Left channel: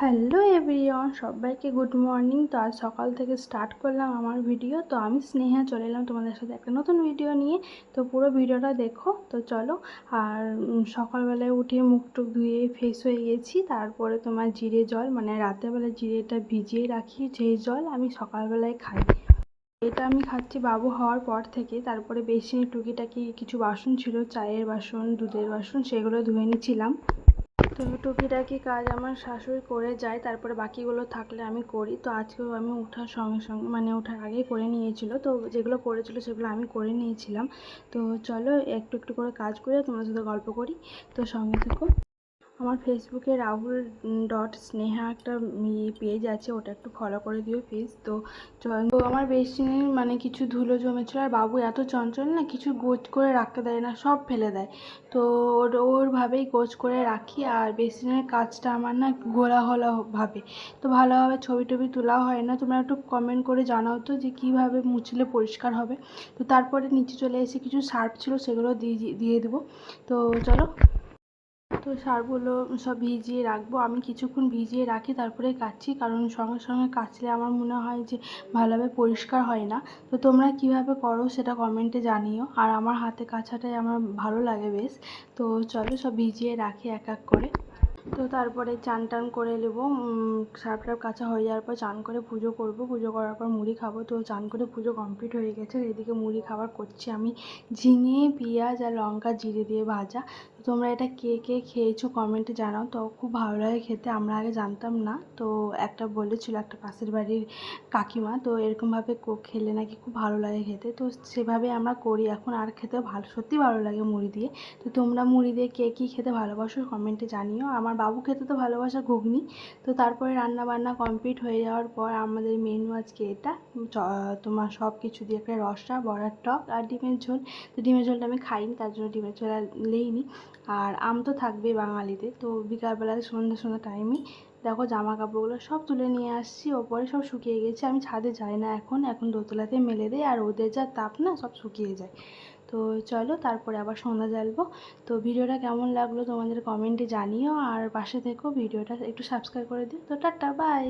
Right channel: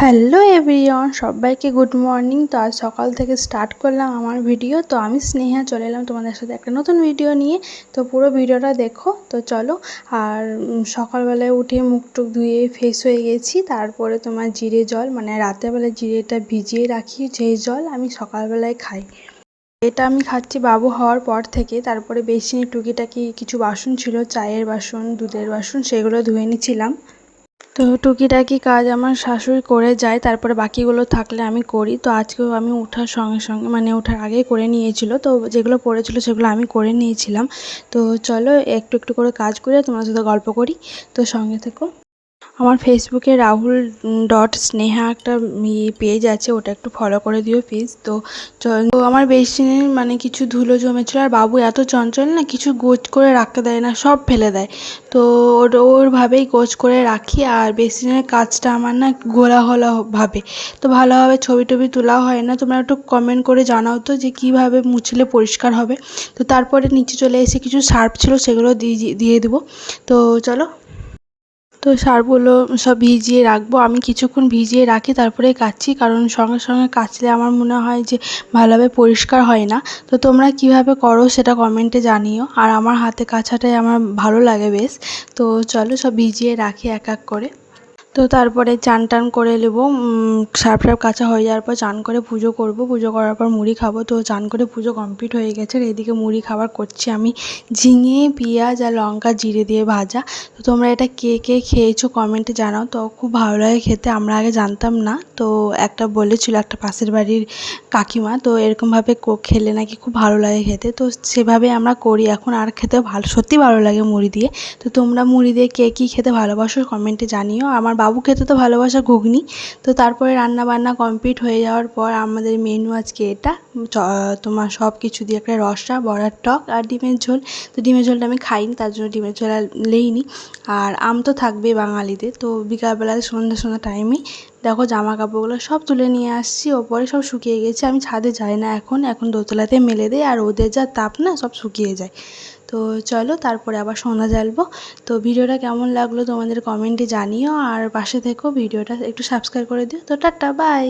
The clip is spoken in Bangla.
হ্যালো এভরিওয়ান, সবাইকে গুড মর্নিং। তো আজ সকাল থেকে স্টার্ট করলাম আমার ভিডিও। তো আমি স্নেহা চলে এলাম তোমাদের সাথে একটা নতুন ভিডিও নিয়ে। তো পুরো ভিডিওটা দেখো। তো চলো। আর সকালবেলায় উঠে মুখ টুক ধুয়ে ফ্রেশ হয়ে গেছি। তারপরে তোমার জিরে জল, মানে রাতেরবেলায় জিরেটা ভিজিয়ে রাখি, সেই জল আমি সকালবেলায় খাই। এটা আমি খাচ্ছি বাবু হওয়ার পর থেকে। তারপরে বেসিনে টুকিটাকি কিছু বাসন ছিল, চায়ের বাসন, দুধের বাসন, সেগুলো ধুয়ে নিচ্ছিলাম। তো টুকিটাকি কাজ আমার শাশুড়ি করে যায়, তারপরে বাকিগুলো থাকলে আমি করি। তো আজকেও আমি ওঠার সঙ্গে সঙ্গে, মানে ওঠার আগেই করে নিয়েছিল। তো যেগুলো পড়েছিল সেগুলো আমি করে নিয়েছিলাম। তো চলো একটু একটু করে কাজ করে তোমার সাথে গল্প করি। তো সঙ্গে থেকো। আমার ফেসবুকে রাহুল ডট স্নেহা একটা পেজ আছে, ওটা একটু ফলো করে দিও প্লিজ। তো আমার বেসিনে মানে কিছু ধুলো জমেছিল, আর বাবু এত চঞ্চল না, কিছু গোছ করে রাখতে দেয় না, সব ফেলে দেয়। তো ওরভাবেই গোছ করে রাখি। আর বেসিনের কাজটা আমার না ঘোলা ঘোলা ভাবে, তো ভালোভাবে ছবি টবি তোলাও হয় না। তোমরা একটু কমেন্ট করে জানাও তো যে কীভাবে মুছলে পরিষ্কার হবে। তো তারপরে নিচে চলে এসে কিছু সার্ফ ছিল, সেগুলো দিয়ে দেবো। তো চলো। তো সারগুলো সব ভিজিয়ে রাখবো, আমি কিছুক্ষণ ভিজিয়ে রাখি তারপরে কাচি, কারণ সঙ্গে সঙ্গে কাচলে আমার মনে হয় যে ভালোভাবে পরিষ্কার হয় না। তো তোমরা কিভাবে করো সেটা কমেন্টে জানিও। আর আমার হাতে কাচাটাই আমার ভালো লাগে বেশ। তো চলো সব ভিজিয়ে রাখি এক এক করে। তো তারপরে চান টান করে নেবো। সার্ফ টার্ফ কাচা হয়ে যাওয়ার পর চান করে পুজো করব। পুজো করার পর মুড়ি খাবো। তো চান করে পুজো কমপ্লিট হয়ে গেছে। আর এদিকে মুড়ি খাবার করছি আমি ঝিঙে, পেঁয়াজ আর লঙ্কা জিরে দিয়ে ভাজা। তো তোমরা এটা কে কে খেয়েছো কমেন্টে জানাও। তো খুব ভালো লাগে খেতে, আমরা আগে জানতাম না। তো একটা বলেছিল একটা পাশের বাড়ির কাকিমা, তো এরকমভাবে খেলে নাকি খুব ভালো লাগে খেতে। তো সেভাবে আমরা করি এখন, আর খেতে ভালো, সত্যি ভালো লাগে মুড়ি দিয়ে। তো তোমরা মুড়ি দিয়ে কে কী খেতে ভালোবাসো কমেন্টে জানিও। আমার বাবু খেতে তো ভালোবাসে ঘুগনি। তো তারপরে রান্না বান্না কমপ্লিট হয়ে যাওয়ার পর আমাদের মেনু আজকে এটা, তোমার সব কিছু দিয়ে একটা রসা, বড়ার টক আর ডিমের ঝোল। তো ডিমের ঝোলটা আমি খাইনি, তার জন্য ডিমের ঝোল আর লেইনি। আর আম তো থাকবেই বাঙালিদের। তো বিকালবেলায় সন্ধ্যা সন্ধ্যা টাইমেই দেখো জামা কাপড়গুলো সব তুলে নিয়ে আসছি, ওপরে সব শুকিয়ে গেছে। আমি ছাদে যাই না এখন দোতলাতে মেলে দিই, আর ওদের যা তাপ না, সব শুকিয়ে যায়। তো চলো তারপরে আবার সন্ধ্যা জ্বালবো। তো ভিডিওটা কেমন লাগলো তোমাদের কমেন্টে জানিও, আর পাশে থেকো, ভিডিওটা একটু সাবস্ক্রাইব করে দিও। তো টাটা, বাই।